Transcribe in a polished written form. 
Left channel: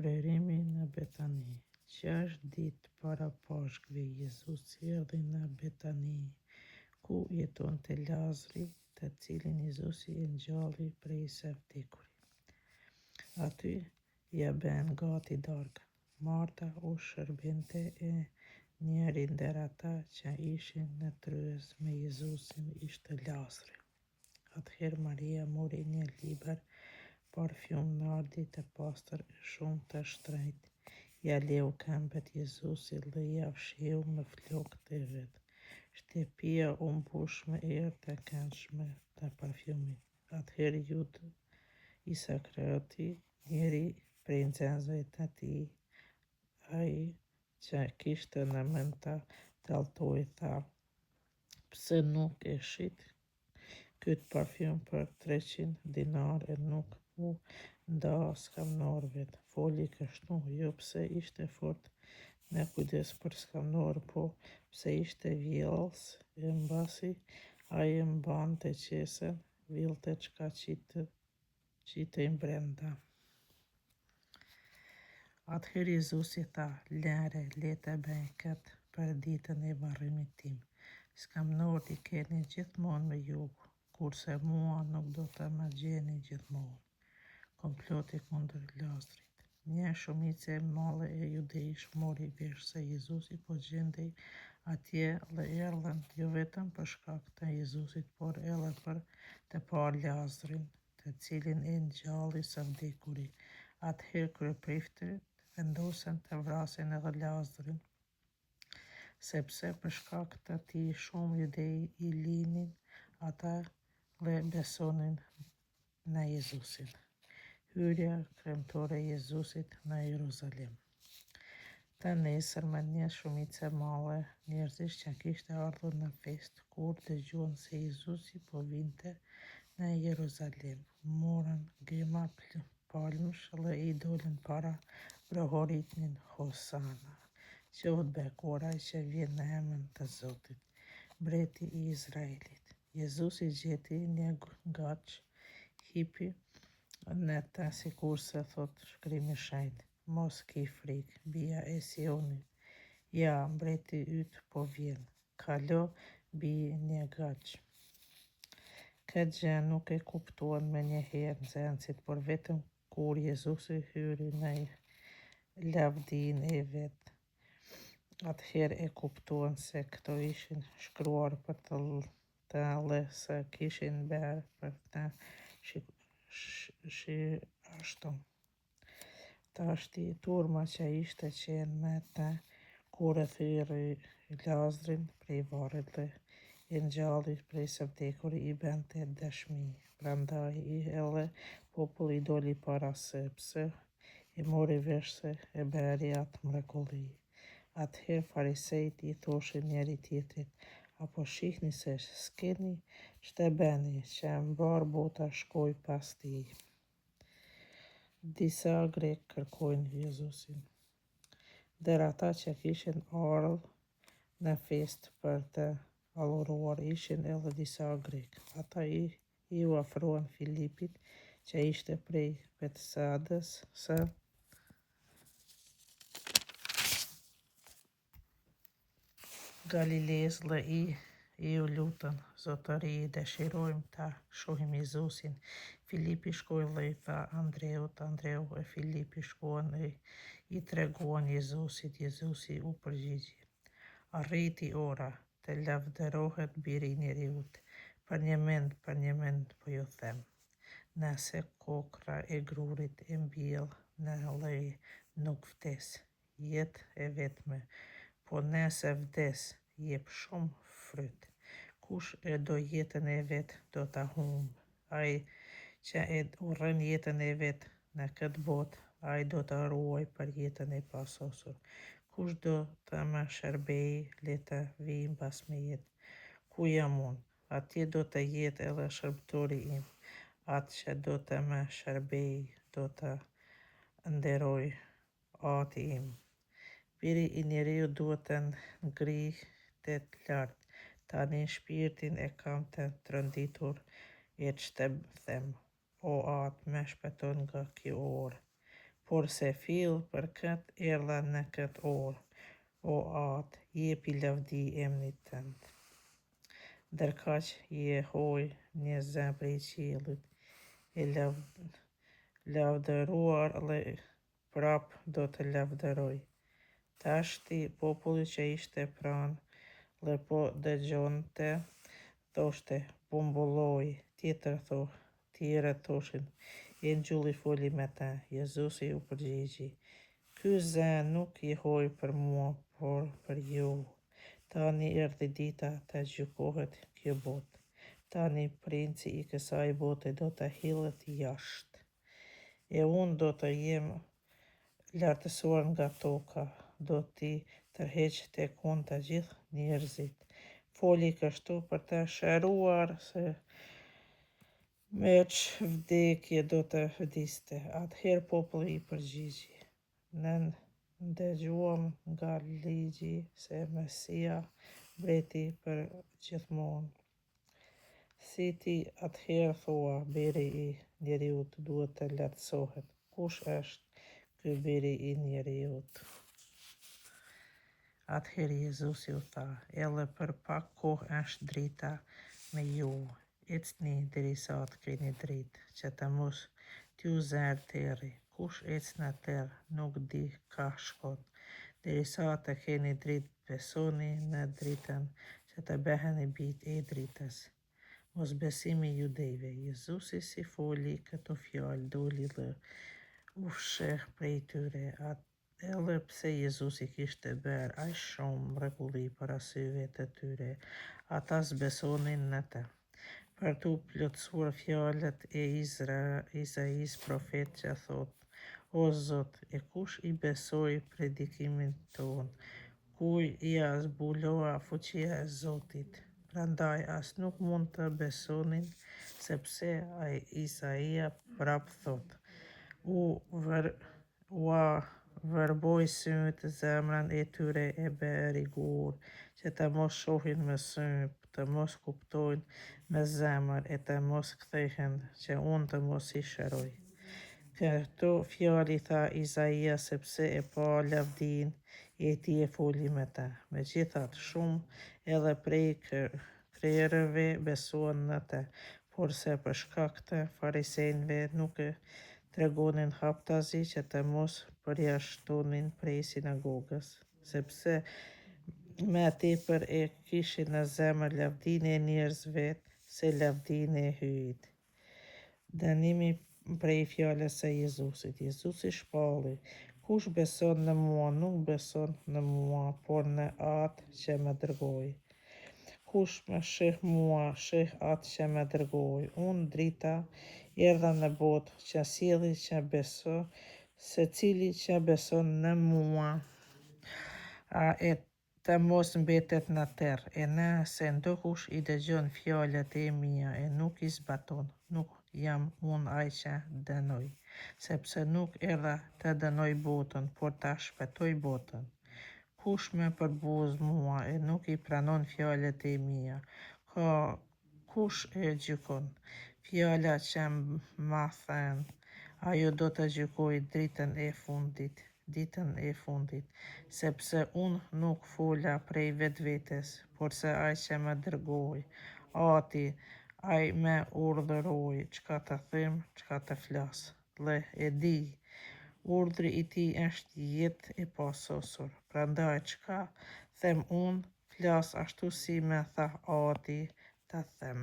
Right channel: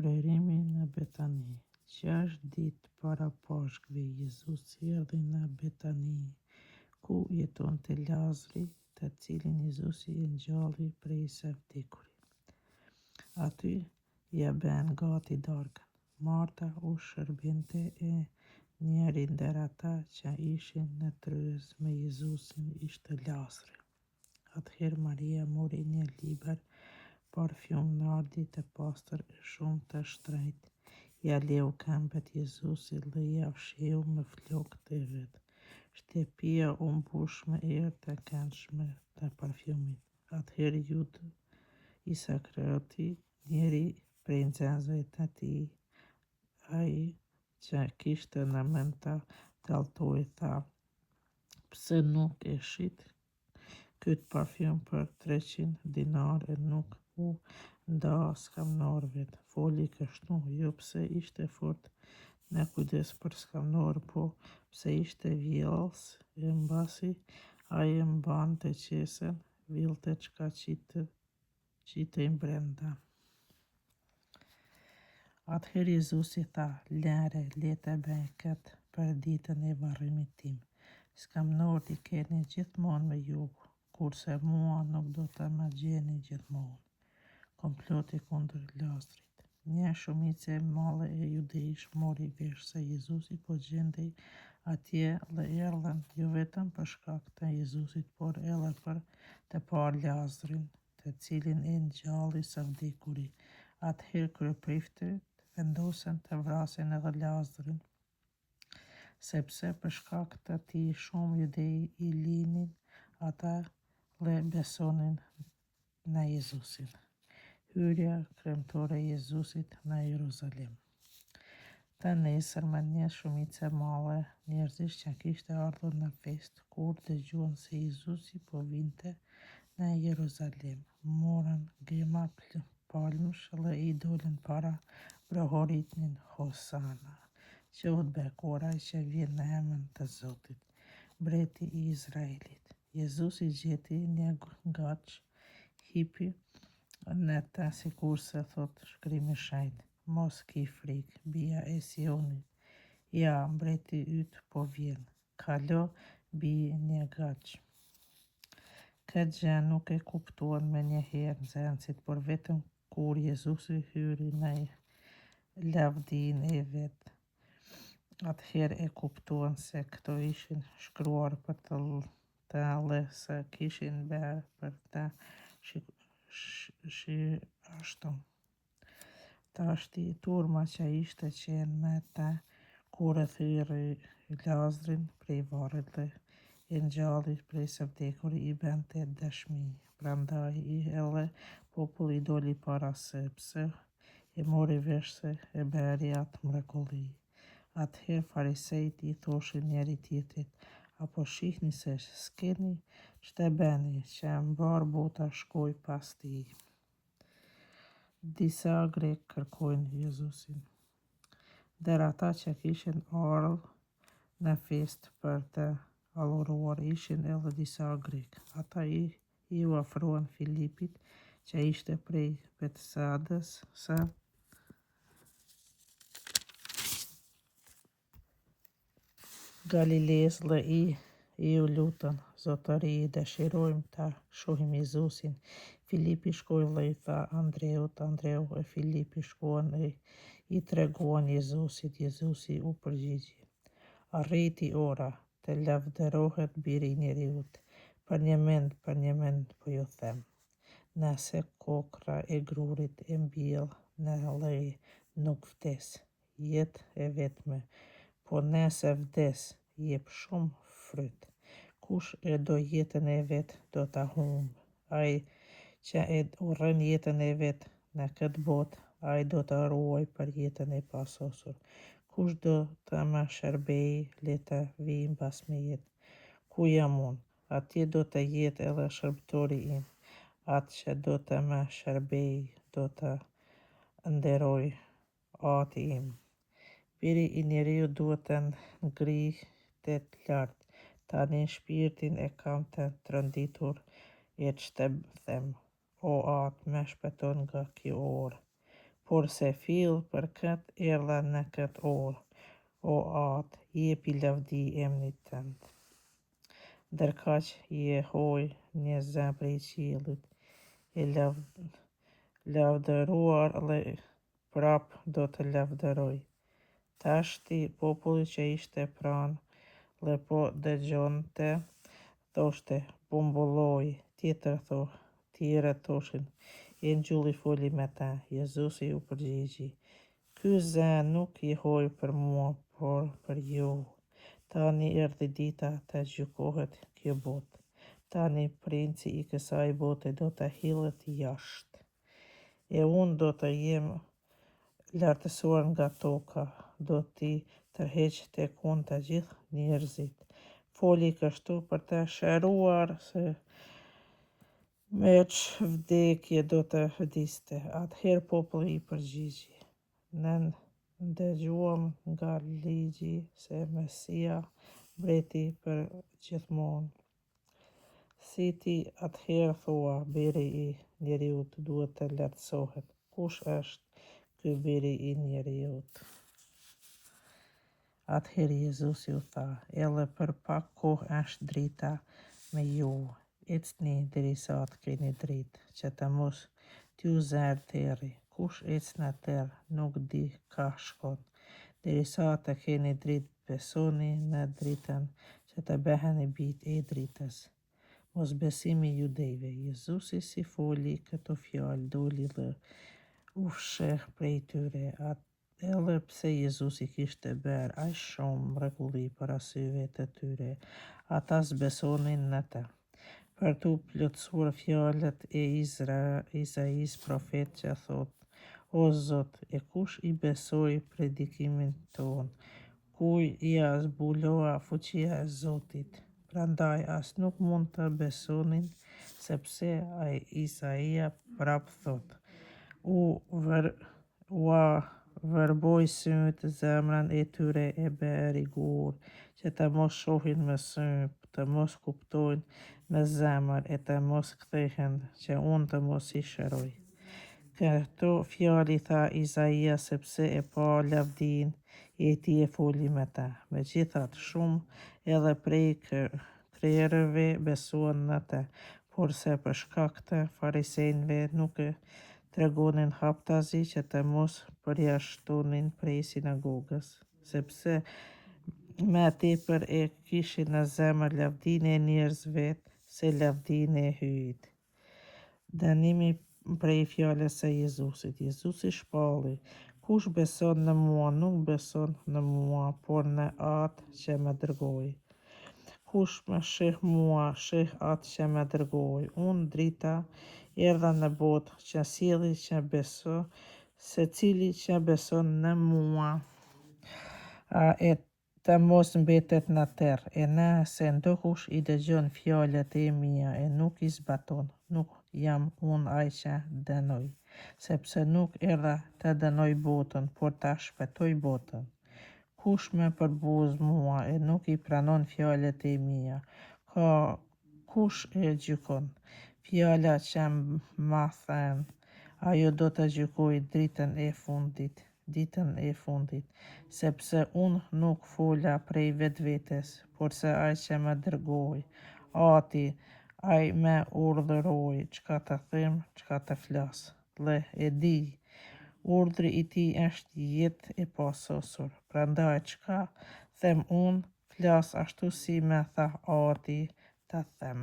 Fryrimi në Betani. 6 ditë para Pashkve, Jezus erdhi në Betani, ku jetonte Lazari, të cilin Jezusi e ngjalli prej së vdekurit. Aty ja bën gati darkën. Marta u shërbente e njëri ndër ata që ishin në tryez me Jezusin ishte Lazari. Atëherë Maria mori një liber parfum nardi të pastër e shumë të shtrenjtë. Ja leu këmbët Jezusit dhe ja fshiu me flokë të vet. Shtëpia u mbush me erë të këndshme të parfumit. Atëherë Judë Iskarioti, njëri prej nxënësve të tij, ai që kishte në mend ta dalltoi, tha: "Pse nuk e shit këtë parfum për 300 dinar e nuk u nda skamnorëve?" Foli kështu jo pse ishte fort në kujdes për skamnorë, po pse ishte vjellës, e mbasi ai e mbante qesen, villte çka qitej brenda. Atëherë Jezusi tha: "Lere, le të bëj këtë për ditën e varrimit tim. Skamnorët i keni gjithmonë me ju, kurse mua nuk do të më gjeni gjithmonë." Komploti kundër Lazarit. Një shumicë e madhe e judeish mori vesh se Jezusi po gjendej atje dhe erdhën jo vetëm për shkak të Jezusit, por edhe për të parë Lazarin, të cilin e ngjalli së vdekuri. Atëherë kryeprifëtit vendosën të vrasin edhe Lazarin, sepse për shkak të tij shumë judej i linin ata dhe besonin në Jezusin. Hyrja kremtore e Jezusit në Jeruzalem. Të nesërmen një shumicë e madhe njerëzish që kishte ardhur në festë, kur dëgjuan se Jezusi po vinte në Jeruzalem, morën gëma palmësh dhe i dolën para brohoritnin: "Hosana, qoftë bekuar ai që vjen në emrin të Zotit, mbreti i Izraelit." Jezusi gjeti një gaç, hipi në të sikurse thot Shkrimi i Shenjtë: "Mos ki frikë, bija e Sionit, ja mbreti yt po vjen, kalo bij një gaç." Këtë gjë nuk e kuptuan me njëherë nxënësit, por vetëm kur Jezusi hyri në lavdinë e vet. Atëherë e kuptuan se këto ishin shkruar për të dhe se kishin bërë për të ashtu. Tashti turma që ishte qenë me të kur e thyrri Lazarin prej varrit dhe e ngjalli prej së vdekurit i bënte dëshmi. Prandaj edhe populli doli para sepse i mori vesh se e bëri atë mrekulli. Atëherë farisejt i thoshin njëri tjetrit: "Apo shihni se s'keni ç'të bëni, që mbar bota shkoj pas tij." Disa grek kërkojnë Jezusin. Ndër ata që kishin ardhur në festë për të adhuruar ishin edhe disa grek. Ata i u afruan Filipit, që ishte prej Betsaidës së Galileës dhe i u lutën: "Zotëri, dëshirojmë ta shohim Jezusin." Filipi shkoi dhe i tha Andreut, Andreu e Filipi shkuan e i treguan Jezusit. Jezusi u përgjigji: "Arriti ora të lavdërohet Biri i Njeriut. Për një mend po ju them, nëse kokra e grurit e mbjell në lloj, nuk vdes, jetë e vetme, po nëse vdes, jep shumë fryt. Kush e do jetën e vet, do ta humbë. Ai që e urren jetën e vet në këtë botë, ai do ta ruaj për jetën e pasosur. Kush do të më shërbejë, le të vijë mbas meje. Ku jam unë, atje do të jetë edhe shërbëtori im. Atë që do të më shërbejë, do të nderoj ati im. Biri i Njeriut duhet të ngrihet lart. Tani shpirtin e kam të tronditur, e ç'të them, o atë më shpëton nga kjo orë." por se fill për këtë erdha në këtë orë, o atë, jepi lavdi emrit tënd. Ndërkaq jehoj një zë prej qiellit, e lavdëruar dhe prap do të lavdëroj. Tashti populli që ishte pranë dhe po dëgjonte, thoshte, po mbulloi, tjerë thoshin, engjulli foli me ta. Jezusi u përgjigji, ky zë nuk jehoj për mua, por për ju. Tani erdhi dita të gjykohet kjo botë. Tani princi i kësaj bote do të hillet jashtë. E unë do të jem lartësuar nga toka, do t'i tërheq tek unë të gjithë njerëzit. Foli kështu për të shëruar se me vdekje do të vdiste. Atëherë populli i përgjigji, ne ndëgjuam nga ligji se Mesia mbreti për gjithmonë. Si ti atëherë thua, biri i njeriut duhet të lartësohet. Kush është ky biri i njeriut? Atëherë Jezusi u tha, edhe për pak kohë është drita me ju. Ecni derisa të keni dritë, që të mos t'ju zerë terri. Kush ecën atëherë nuk di ka shkon. Derisa të keni dritë, besoni në dritën që të beheni bijtë e dritës. Mos besimi judejve. Jezusi si foli këto fjalë, doli dhe u fsheh prej tyre. Edhe pse Jezusi kishte bërë aq shumë mrekulli para syve të tyre, ata s'besonin në të. Për t'u plotësuar fjalët e Isaias profet që thot, o Zot, e kush i besoi predikimin ton, ku ia zbulua fuqia e Zotit. Prandaj as nuk mund të besonin, sepse ai Isaia prap thot, ua vërboj syt zemrën e tyre e bë rigur, që të mos shohin me sy, të mos kuptojnë me zemër e të mos kthehen, që unë të mos i shëroj. Këto fjalë i tha Isaia sepse e pa lavdin e tij e foli me ta. Megjithatë shumë edhe prej kryerëve besuan në të, porse për shkak të farisejve nuk e tregonin haptazi që të mos përjashtonin prej sinagogës, sepse me tepër e kishin në zemër lavdinë e njerëzve se lavdinë e hyjit. Dënimi prej fjalës së Jezusit. Jezusi shpalli, kush beson në mua nuk beson në mua, por në atë që më dërgoi. Kush më sheh mua, sheh atë që më dërgoi. Unë drita erdha në botë që sjelli që beso, secili që beson në mua e të mos mbetet në terrë. E nëse ndokush i dëgjon fjalët e mia e nuk i zbaton, nuk jam unë ai që dënoj, sepse nuk erdha të dënoj botën, por ta shpëtoj botën. Kush më përbuz mua e nuk i pranon fjalët e mia, kush e gjykon? Fjala që ma thënë, ajo do të gjykoj ditën e fundit, sepse unë nuk fola prej vetvetes, por se ai që më dërgoi, Ati, ai më urdhëroi çka të them, çka të flas. Dhe e di, urdhri i tij është jetë e pasosur. Prandaj çka them unë, flas ashtu si më tha Ati të them.